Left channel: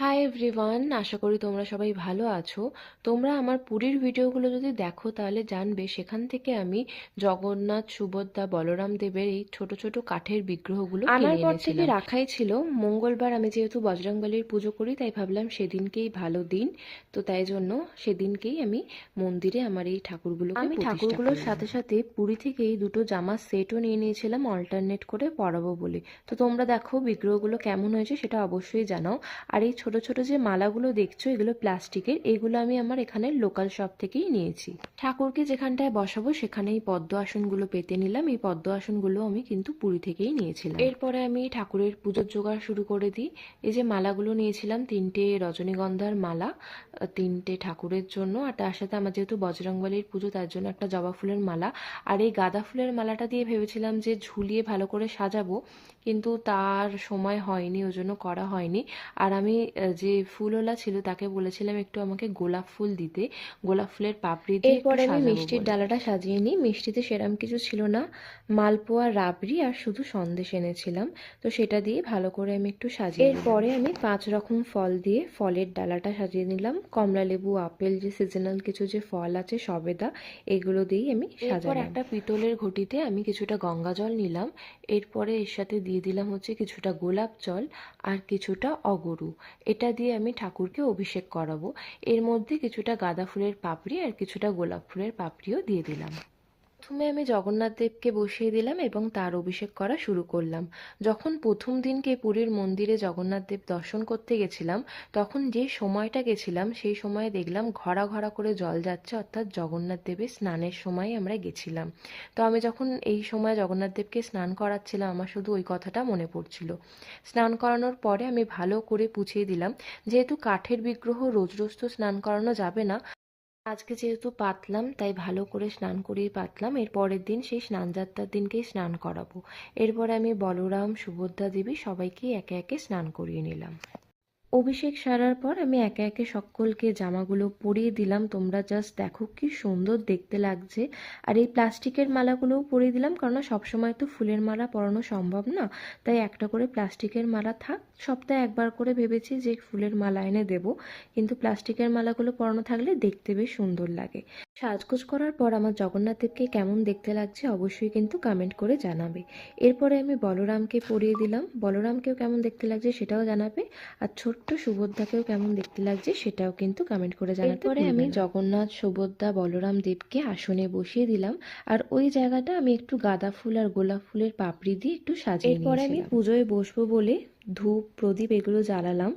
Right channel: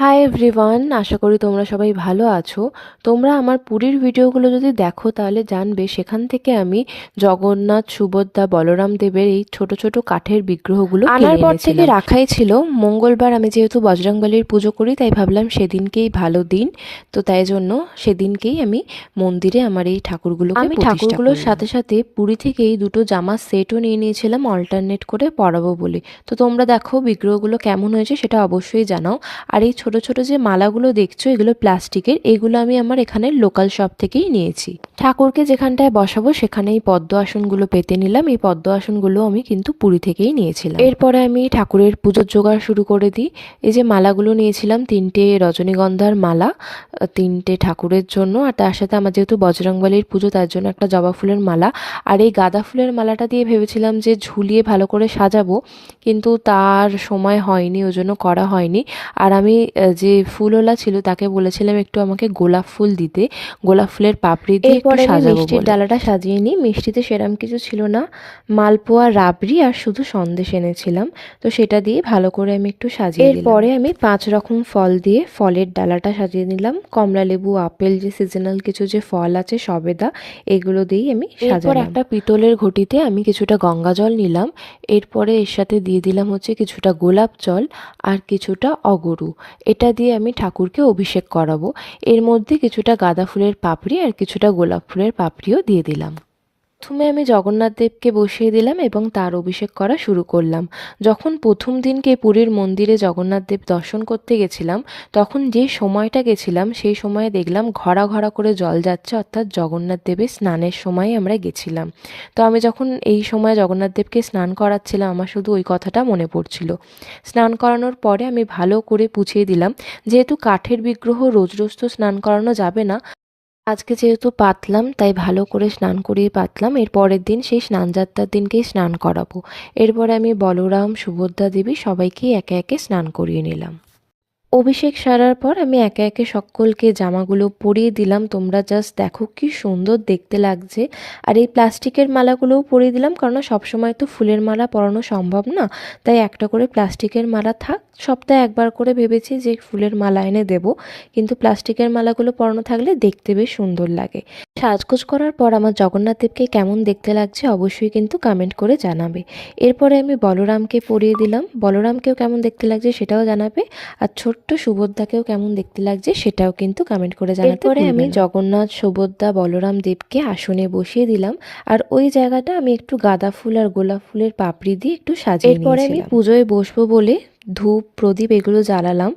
Hi everyone, আশা করি তোমরা সবাই ভালো আছো। তোমরা আমার পুরীর ভিডিওগুলো যদি দেখো তাহলে জানবে সেখান থেকে আমি জগন্নাথ, সুভদ্রা, বলরাম দেবের এই ছোট ছোট কাঠের বিগ্রহগুলো আনার পর থেকে রাখাই ছিল। মঙ্গলবার আমি যেহেতু বজরংবলীর পুজো করি তাই ভাবলাম সেদিনকেই ভালো দিন, তো তাই জন্য সেদিনকেই আমি মন্দিরে আমার এই ঠাকুরগুলোকে আমি ঠাকুরগুলোর সাথে সাথে পুরী থেকেই দুটো জামার সেটও নিয়ে নিয়েছিলাম অল্টারনেট করে পরাবো বলে। তো তোমরা দেখো বিগ্রহগুলো কেমন হয়েছে সেটা অবশ্যই জানাও। আর এই ছোট ছোট যে মালাগুলো দেখছো এগুলো প্লাস্টিকের, এগুলো আমি আমার এখানে লোকাল শপ থেকেই নিয়েছি। ঠাকুরকে যেখানটায় বসাবো সেখানে এই পদ্ম আসনগুলো পেতে নিলাম। এই পদ্ম আসনগুলো আমি কিন্তু পুরী থেকেই নিয়েছিলাম। এরপরে আমি ঠাকুরের পুজোর জোগাড় শুরু করে দিই। এই যে মালাগুলো নিয়েছিলাম, 3টে রজনীগন্ধার মালা, 3টে ঠাকুরের জন্য, আর তার সাথে আমার যেহেতু বজরংবলীর পুজো তার জন্য একটা জবা ফুলের মালা। আর এই গাঁদা ফুলের মালাটা দিয়ে ভেবেছিলাম যে ঝুলিয়ে ভালো করে সাজাবো, কিন্তু তার সময় হয়নি, ওই জন্য করা হয়নি। আর আমি যে ফুলওয়ালা ছিল তাকে বলেছিলাম একটু আমাকে গোলাপ ফুল দিতে, গোলাপ ফুলের পাপড়ি দিয়ে একটু সাজাবো। মিষ্টির ডালাটা সাজিয়ে নিই। মিষ্টিতে সেরম কিছু ছিল না, মালপোয়া, রাবড়ি আর শুধু সন্দেশ এনেছিলাম, তো সেটা দিয়ে ভালো করে আমি একটু সাজিয়ে দিলাম। এরপরে আমি 5 রকম ফল দিয়ে ফলের ডালাটা সাজিয়ে নিলাম। কমলা লেবু, আপেল, যে সিজনাল কিছু যে ফল আছে, সবেদা, এগুলো দিয়েই আমি সাজালাম। এরপর একটা পিতলের ঘটিতে আমি কিছুটা গঙ্গা জল নিলাম। এরপরে এর সাথে দিয়ে দিলাম হচ্ছে কিছুটা গোলাপ জল আর কিছুটা অগরু। এটা দিয়ে আমি ঠাকুরকে অভিষেক করাবো। এর মধ্যে কিছুটা গাঁদা ফুলের পাপড়ি আর কিছুটা গোলাপ ফুলের পাপড়িও দিয়ে দিলাম। প্রথমে আমি জগন্নাথ দেবকে বসিয়ে দিলাম এবং তার অভিষেক করা শুরু করলাম। যখন প্রথম দিনকে পুরীর মন্দিরে জগন্নাথ দেব দর্শন করতে গেছিলাম, তখন যে সময়টা গেছিলাম সেই সময়ে দেখলাম ঘরা ঘরা করে জল যাচ্ছে, অর্থাৎ জগন্নাথ দেবের স্নানের সময় আমরা গেছিলাম। তো আমি যখন এই সময় জগন্নাথ দেবকে স্নান করাচ্ছিলাম আমার শুধু ওই কথাটা মনে পড়ছিল। স্নান করানোর পরে আমি ভালো করে পুছিয়ে দিলাম। যেহেতু কাঠের বিগ্রহ রোজ রোজ তো স্নান করানো যাবে না, আজকে যেহেতু পাতলাম তাই ভালো করে স্নান করিয়ে পাতলাম। এর পরের দিন সেই স্নানযাত্রার দিনকেই স্নান করাবো। এরপরে আমি বলরাম, সুভদ্রা দেবী সবাইকেই একে একে স্নান করিয়ে নিলাম। অভিষেক সারার পর আমি একে একে সকলকে জামাগুলো পরিয়ে দিলাম। তোমরা জাস্ট দেখো কি সুন্দর দেখতে লাগছে। আর এই প্লাস্টিকের মালাগুলোও পরিয়ে দিলাম, কারণ সবসময় তো ফুলের মালা পরানো সম্ভব না, তাই একটা করে প্লাস্টিকের মালা থাক। সপ্তাহে একবার করে ভেবেছি যে ফুলের মালা এনে দেবো, কিন্তু প্লাস্টিকের মালাগুলো পরানো থাকলে দেখতে বেশ সুন্দর লাগে। সাজগোজ করার পর আমার জগন্নাথ দেবকে কেমন দেখতে লাগছে অবশ্যই কিন্তু কমেন্ট করে জানাবে। এরপরে আমি বলরামকে পরিয়ে দিলাম, বলরামকেও কেমন দেখতে লাগছে সেটাও জানাবে। আর ছোট্ট সুভদ্রাকেও কেমন দেখতে লাগছে সেটাও কিন্তু কমেন্ট করে জানাতে ভুলবে না। এরপরে আমি জগন্নাথ, সুভদ্রা, বলরাম দেবকে আসনে বসিয়ে দিলাম। আর ওই জায়গাটা আমি একটু গাঁদা ফুল আর গোলাপ ফুলের পাপড়ি দিয়ে একটু সাজিয়ে নিয়েছিলাম। এরপরে আমি পুজোয় বসবো বলে ধূপ, প্রদীপ এগুলো জ্বালালাম।